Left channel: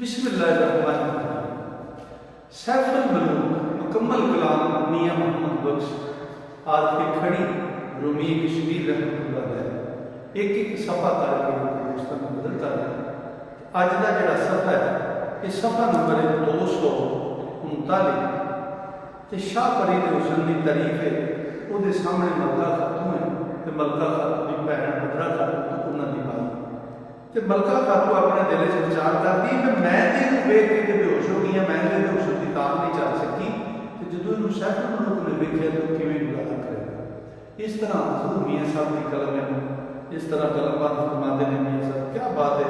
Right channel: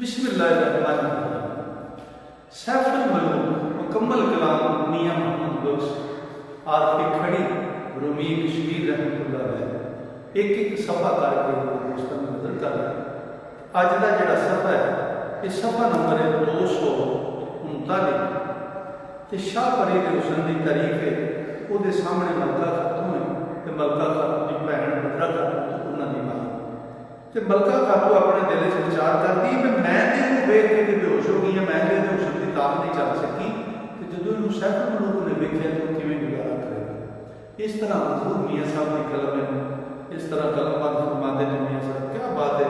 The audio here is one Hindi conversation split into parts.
बिस्मिल्लाहिर्रहमानिर्रहीम। सैफुल मलूक मुकम्मल कलाम मियां मोहम्मद बख्श आलफी खड़ी रूमी कश्मीर रहमतुल्लाह अलैह एक एक सफ़ा करके दोस्तों में बदलता है। अज का जोड़ा सफ़ा है ये सफ़ा नंबर है 239। शाह फरीद हुसैन की तारीफ है। वो सामने मलका खातून है तो मलका खातून की भैन बदरा खातून उन्होंने मां तो मलका खातू अपने दिल से विचार करती है मैं तेन वेख के बेहोश हो गई, मैं तेरे हुसन की ताक नहीं चल सकी। तो जो इन सैफुल मलूक ने वेख्या तो किमें गुजारा करेगा। इस तरह हजूर मियाँ साहब की कलम है, इस तरह कलमात फरमाते हैं मियाँ साहब। क्या बात है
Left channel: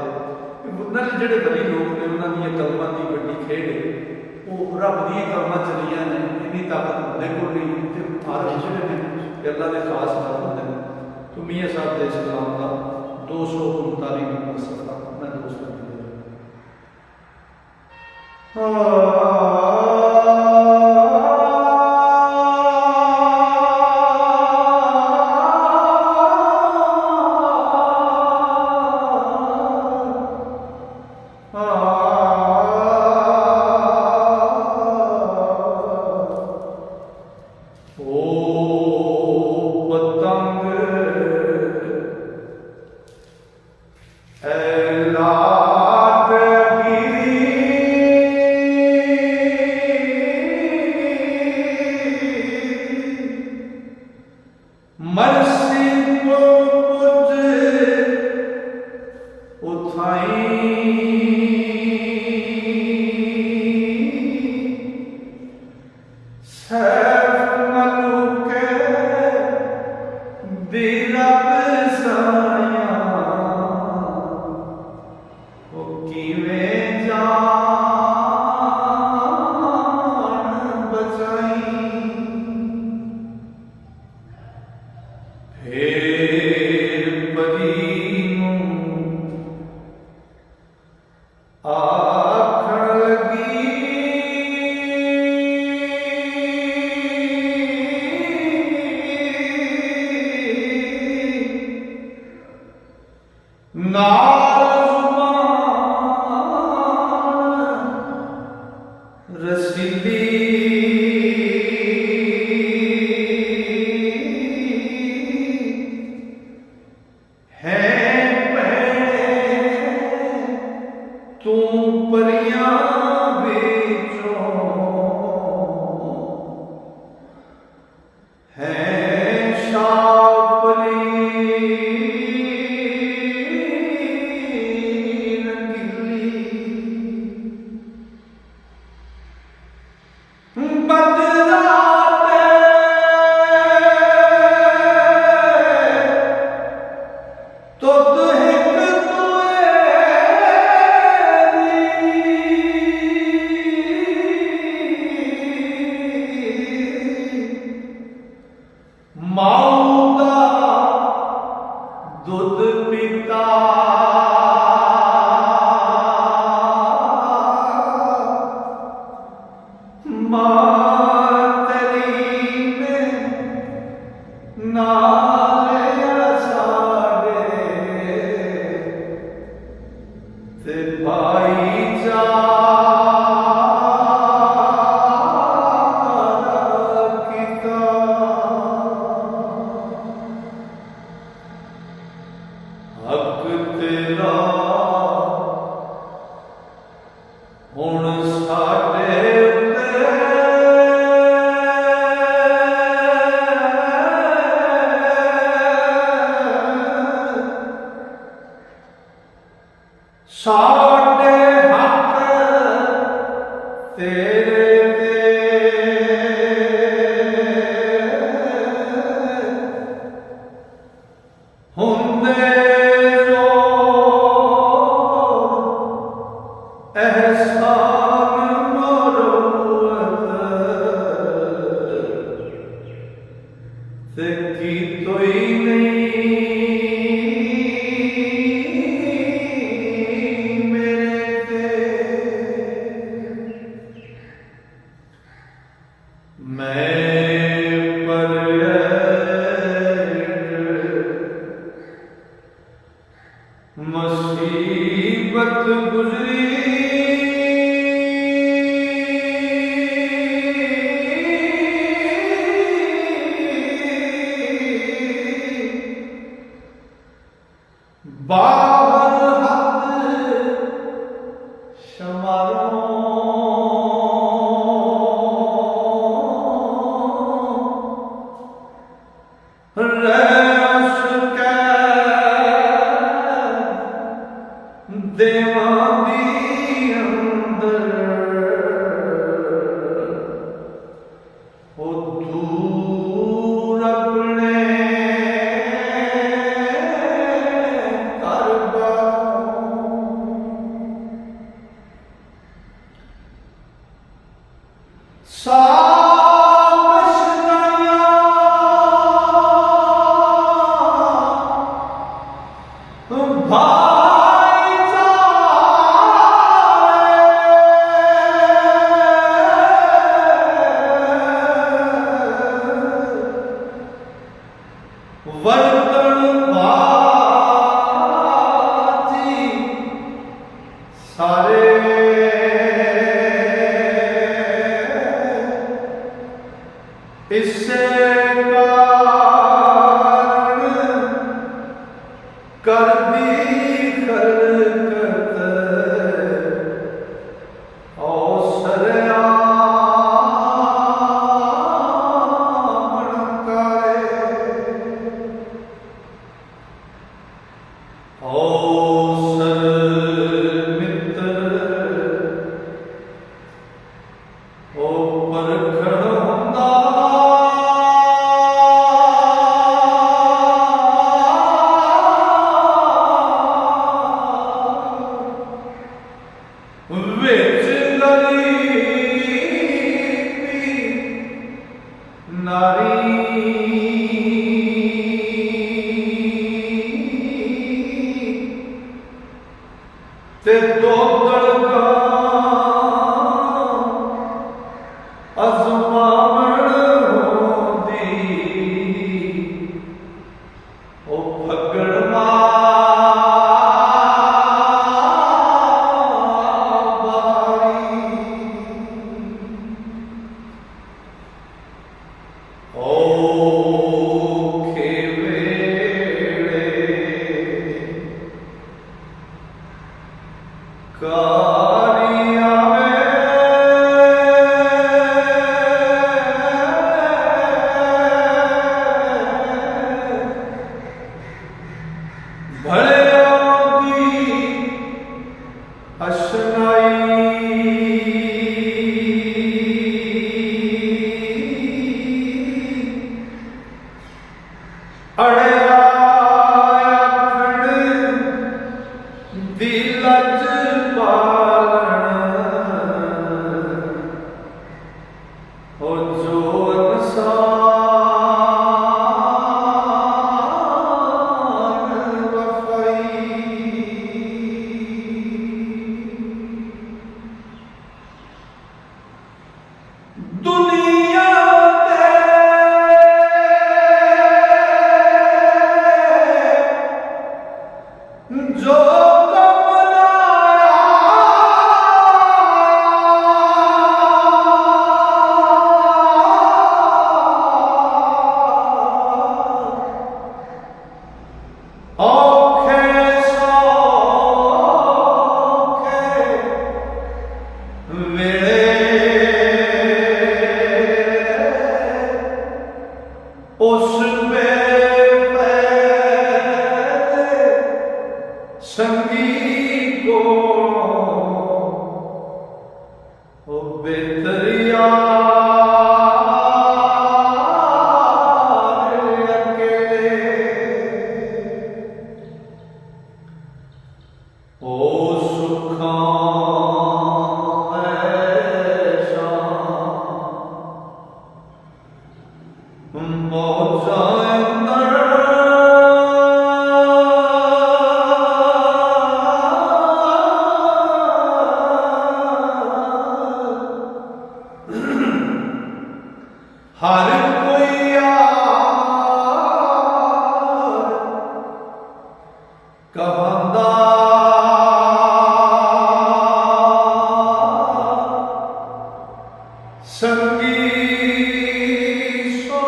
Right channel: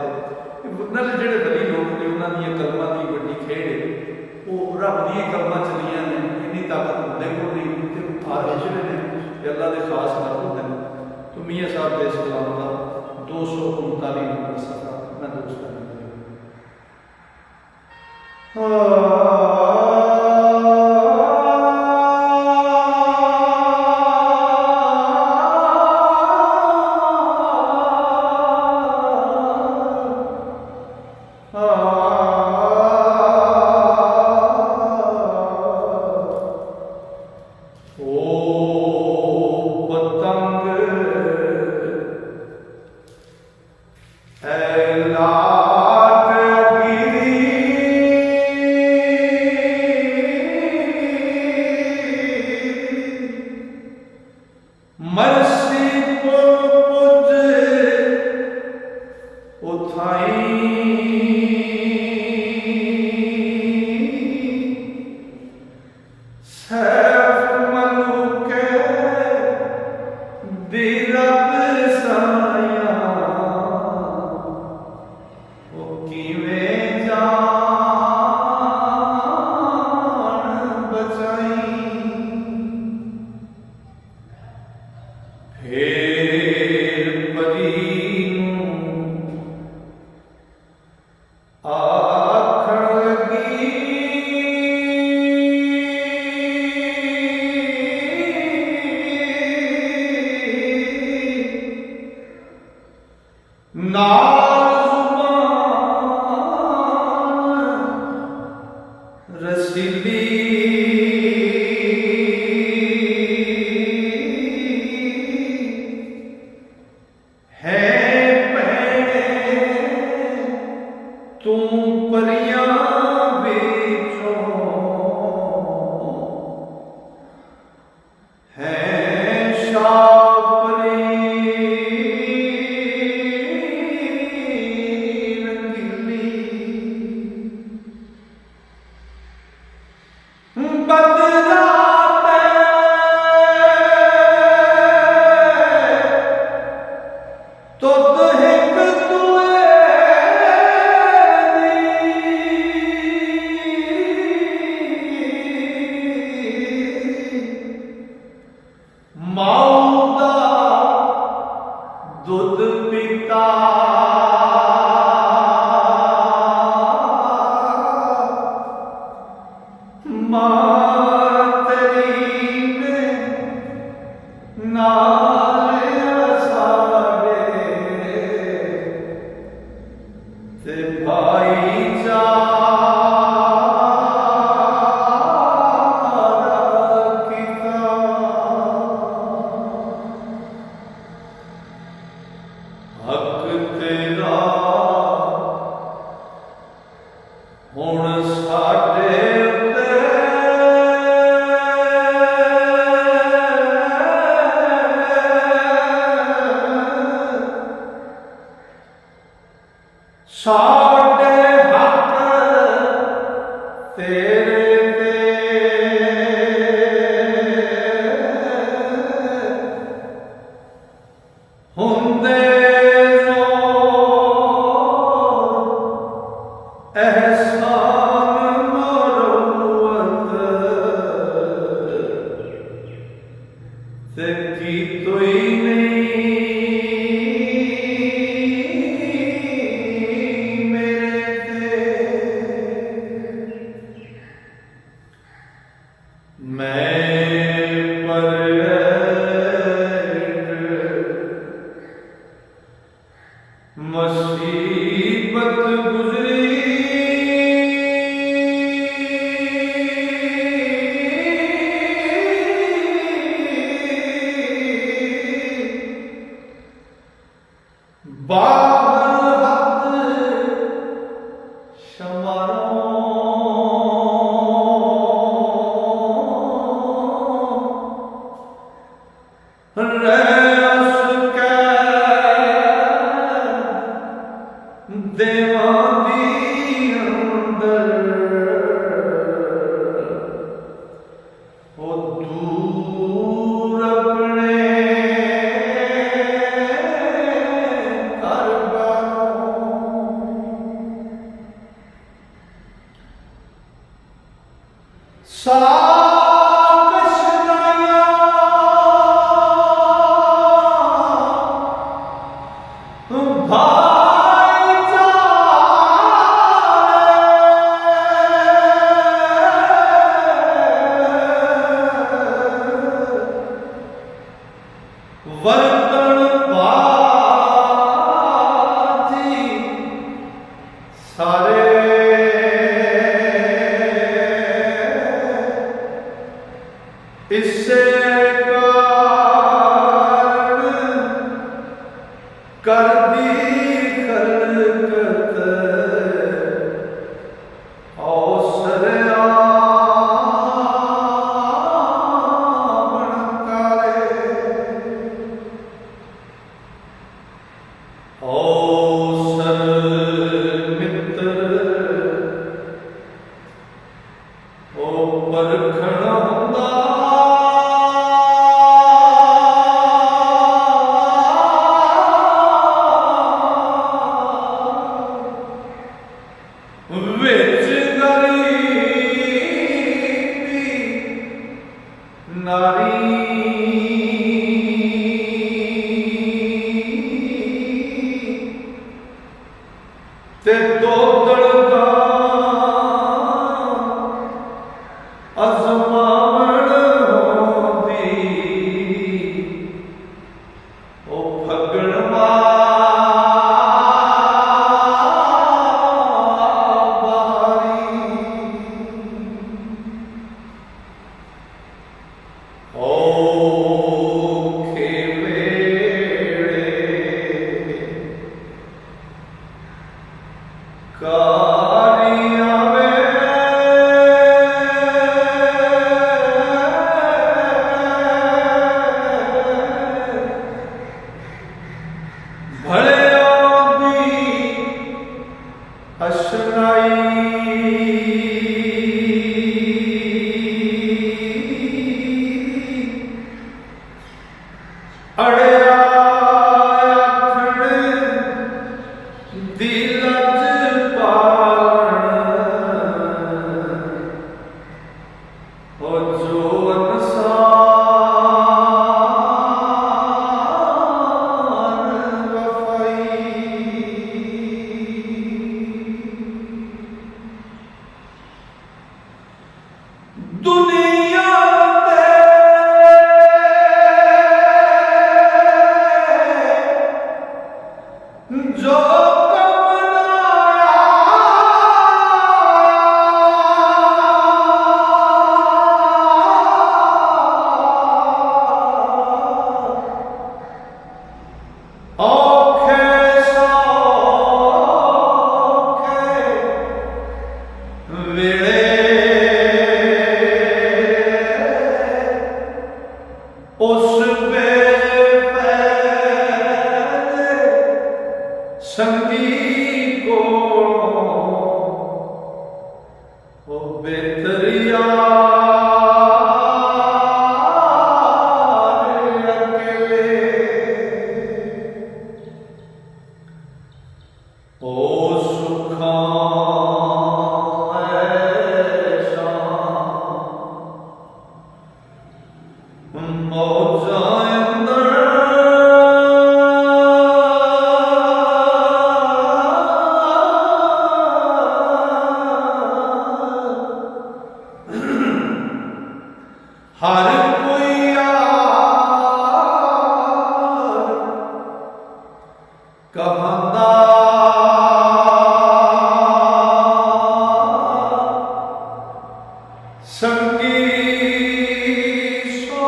कि उन्होंने जोड़े बड़ी लोग ने उन्होंने कलमां की बड़ी खेड है वो रब दी कलमां चलियां ने इन्नी ताकत होने को भी आर उजरे ने अल्लाह के खास कर होते हैं। तो मियाँ साहब के इस कलाम का 239 नंबर सफ़ा मैं दोस्त मेरे दी अंदर ओ दूर अपने घर इससे कर दी खलकत औसर आमन करे औसर मित्र ओ परखण हुंदा विच गरीबी नारी ते दो दलगा अजमावण होंदी ओ फगण संगी को ओ बेतरिया अकेले ओ सुखा ऐसा मौजा हर कोई यार कहंदा संगी सो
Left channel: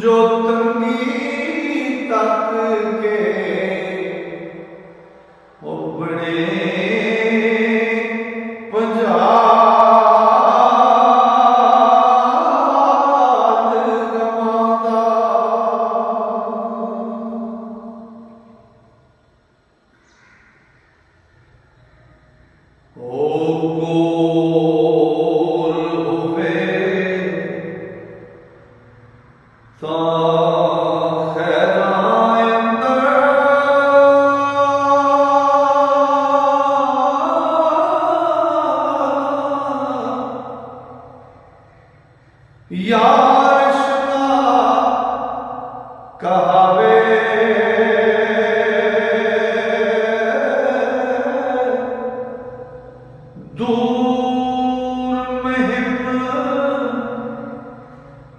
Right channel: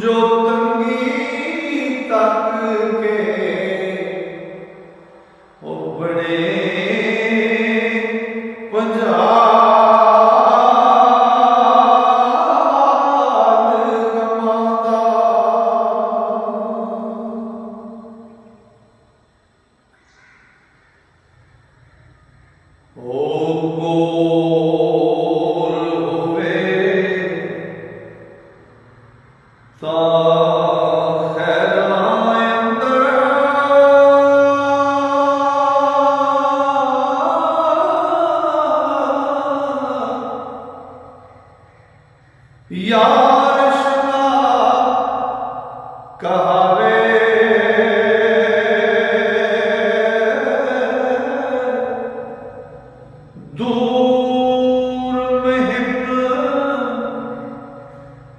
जो तंगी तक के ओ बड़े पंजाब यार शना कहावे दूर महिम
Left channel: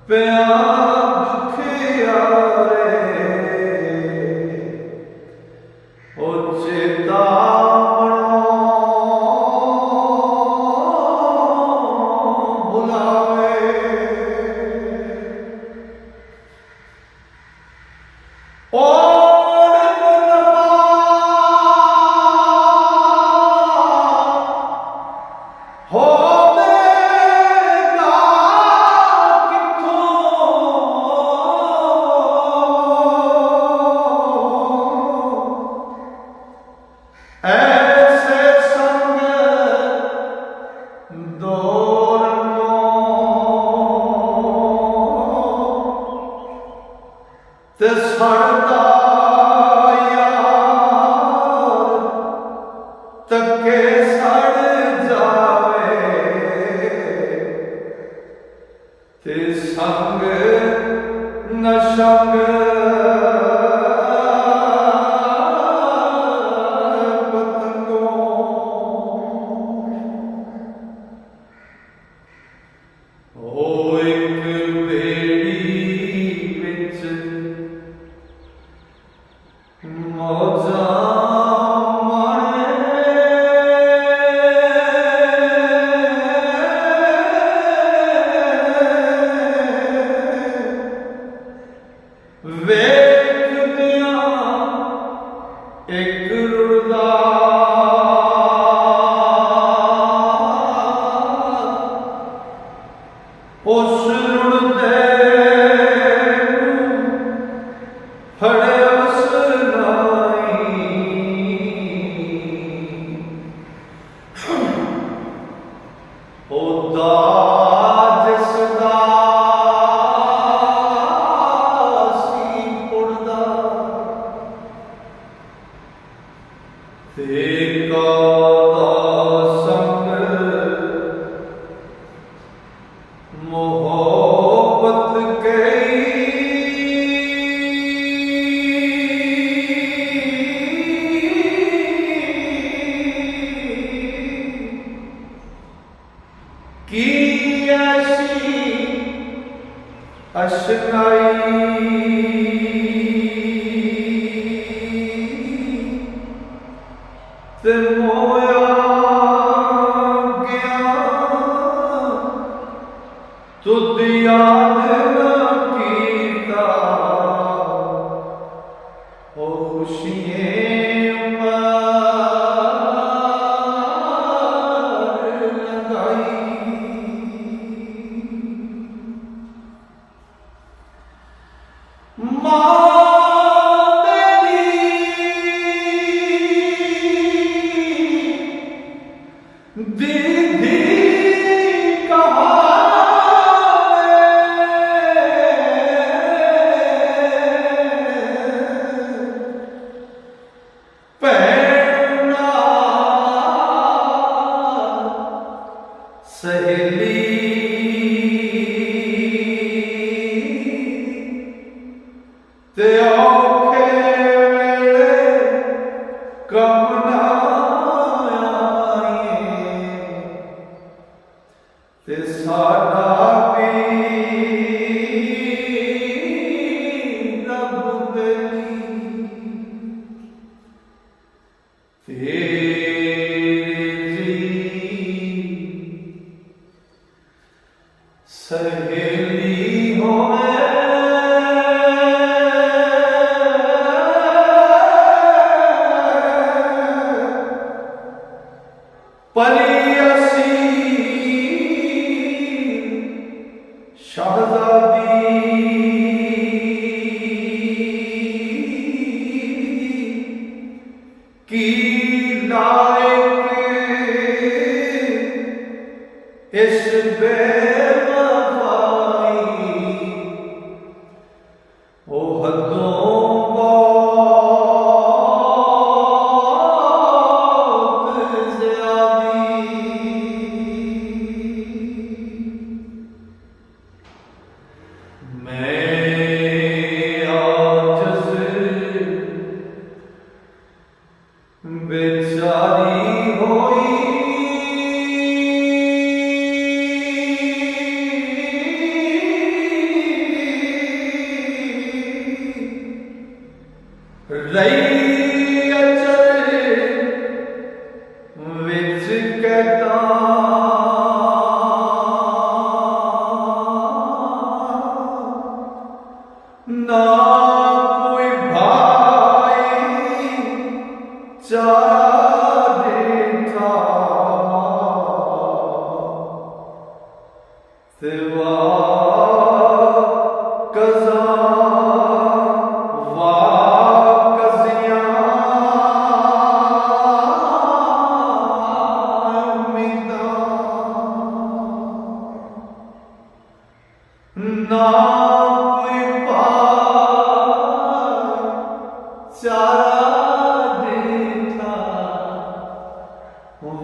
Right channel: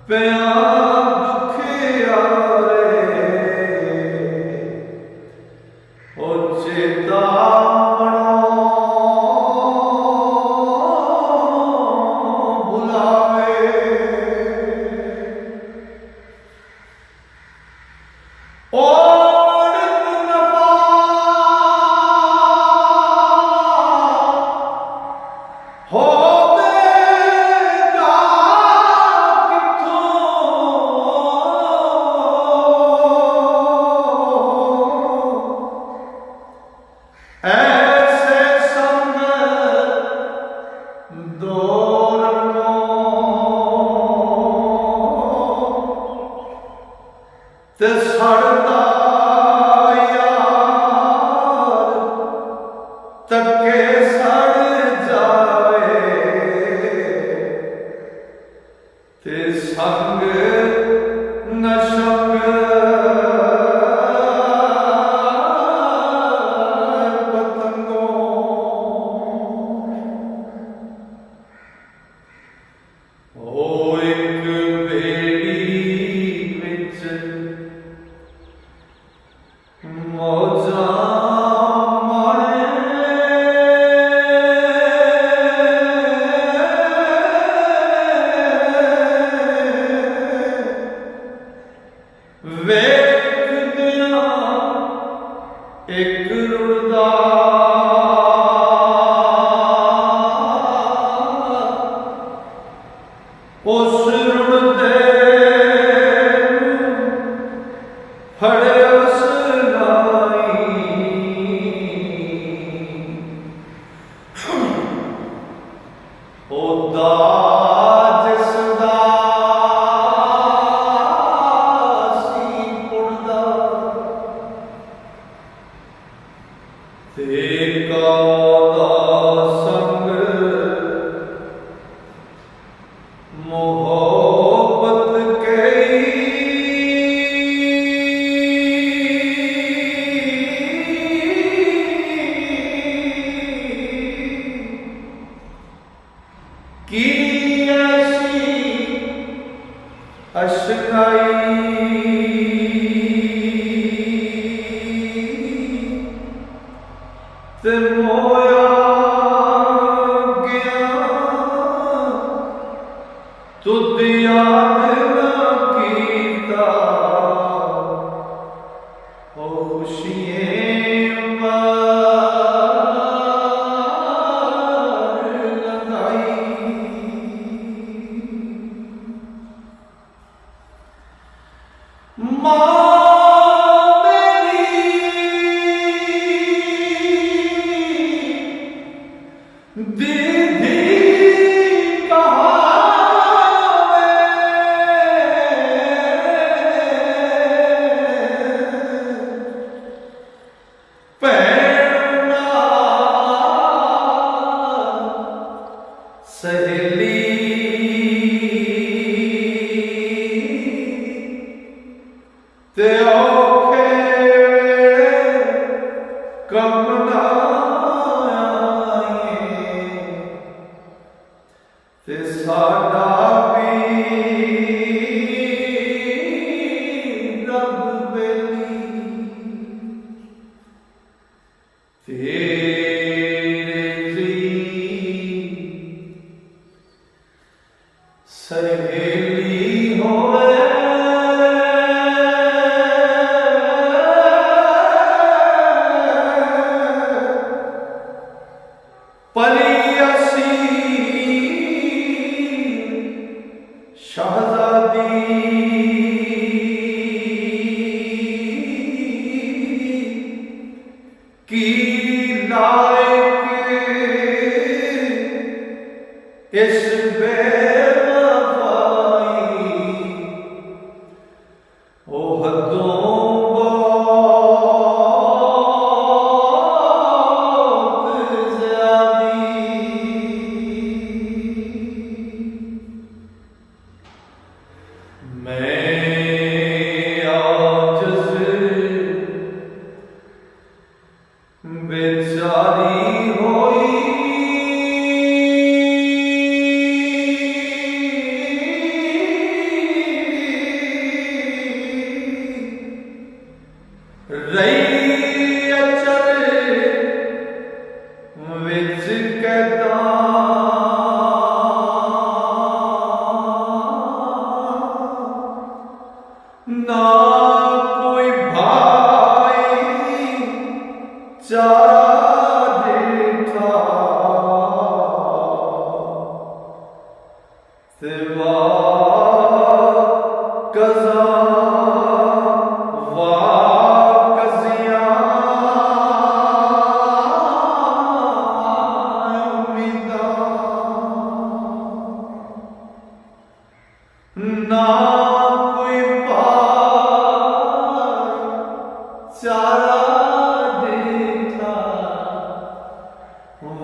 प्यार दुख यारे ओ चेता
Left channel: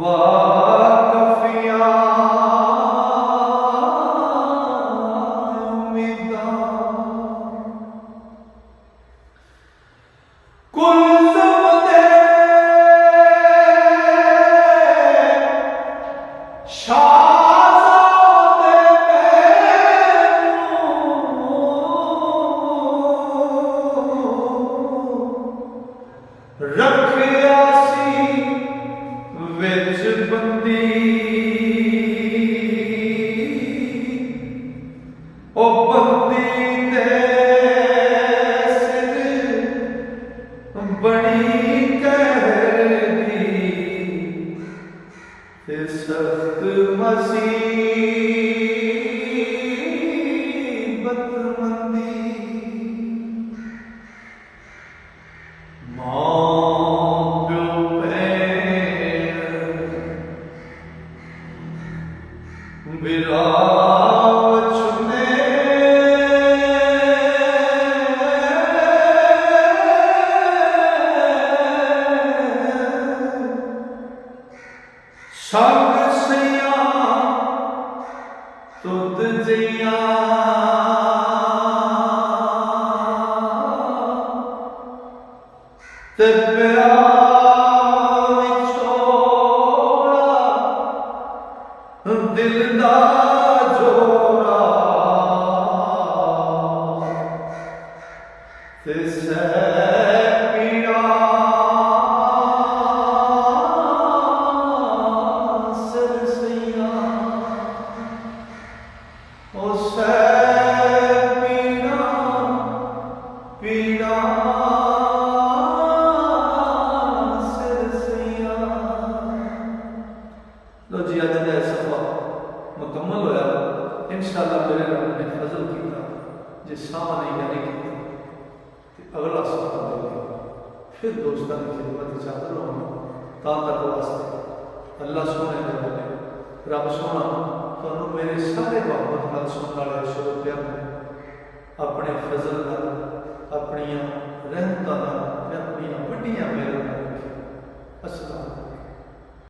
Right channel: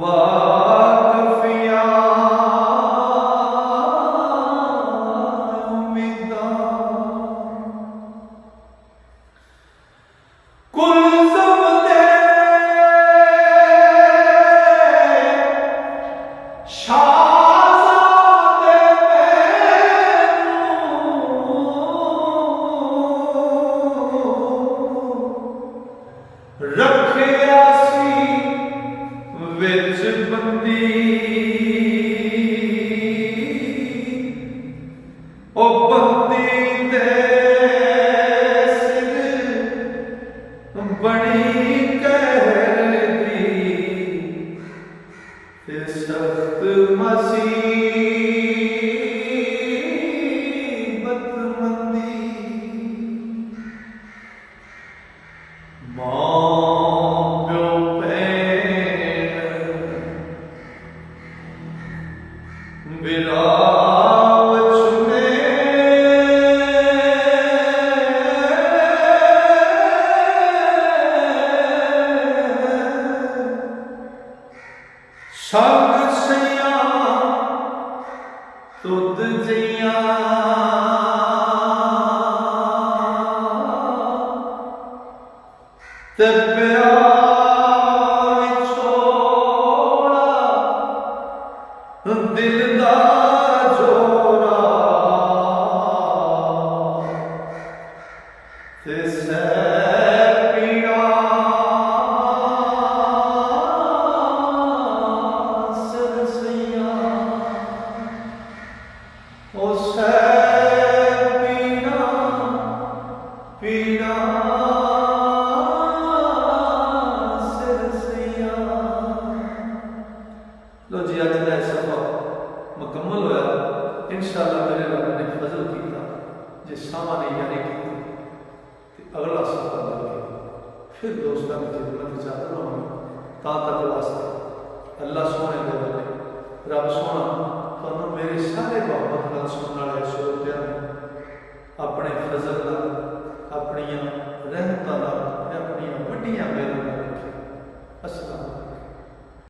वाकफिया उम्मीदा कुल ज़मदे शाहज़ादे मैनू रखिया सी विच बंदी ओ बंदी दे सिर बड़ी कहरी ते सख्त मुसीबत मंदी विराज में सब सैया तुद जिया ते प्यार छोड़ा दिल दा जोड़ा ते पीड़ा सरसैया ओ पीड़ा पीड़ा सरसैया। लो जी अज का सफर मुकम्मल होया। इंशाअल्लाह मेरे रब ने फजल किया जे सामा नहीं यानी कि अगला सफर होगा फिर दोस्तों की खिदमत चाहते हो ता तक वास्ते अल्लाह सोने दे बने रब सोना तुहानू मेरे सारे मोहब्बत नाल सुनने वाले श्रोतियां ने अपने फजल नाल अपनियां रहमतां नाल ते अपनियां वड्डियां मेहरां नाल रखे। अस्सलाम।